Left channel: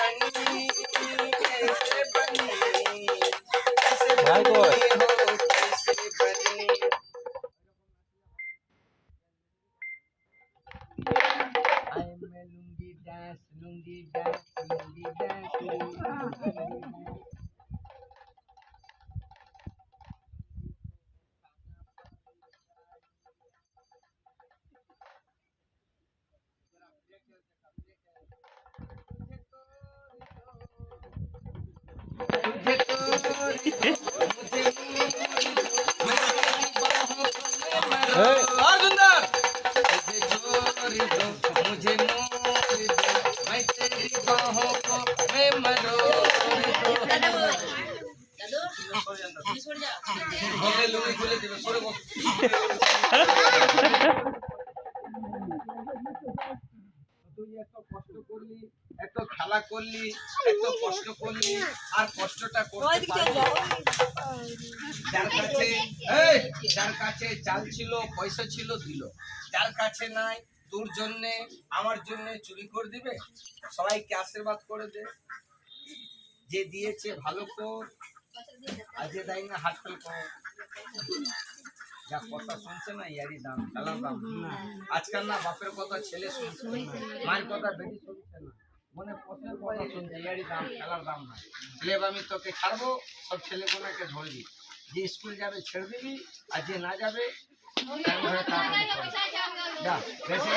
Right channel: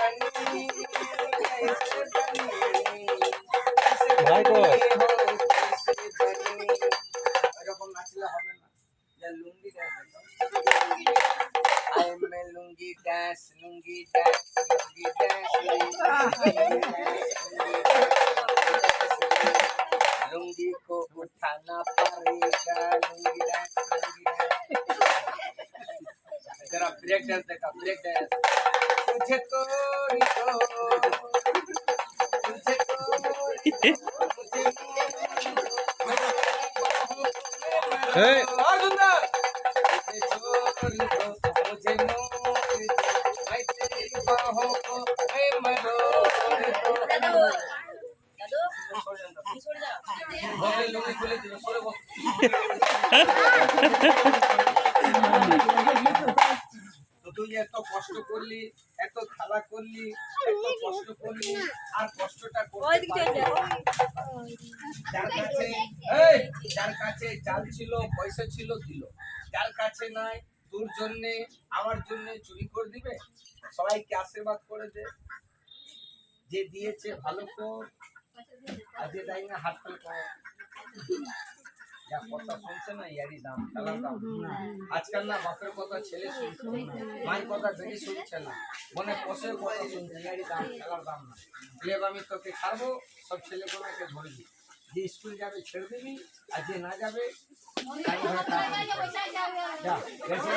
बनी कैसे बनी कैसे बनी हो कैसे बनी এরকম নাচলে হবে না যা লুঙ্গি ডান্স আই মে লুঙ্গি ডান্স लुंगी को उठाना पड़ेगा लुंगी डांस जरा ब्रेक डांस देखा ब्रेक डांस तुझे तो मुझे और सुंदर मुझे दो मुझे मोर दो मैं तेरी बाहों को मैं मरोड़ दो लुंगी খুলে দিবে সরে বস তুই এত কষ্ট করলি এত খেলা করলি এত কষ্ট করলি আর কষ্টটা করতে পারলি যার কাছে চাল ছিল পয়সা ছিল দিল যার কাছে নাই তোর জন্য আমার জন্য চুরি করে দিবে সবাইকে আশীর্বাদ করে দে যে দিয়েছে ভালো কর আজ দেয় না হাত ফেল কর যা কথা শুনছে না ইয়ারি দাম খেলার দাম আজকাল না বাপের কথা ছেলে শুনছে মায়ের কথা বেটি শুনছে না মনে পোষের কথা শুনছে ইয়ারি দাম খেলার দাম না ছেলে আমি তোকে ছাড়বো সব ছেলেগুলোকে ধরবি যে স্কুল যাবে ছেড়ে দিবি আর যে না যাবে যা বেশি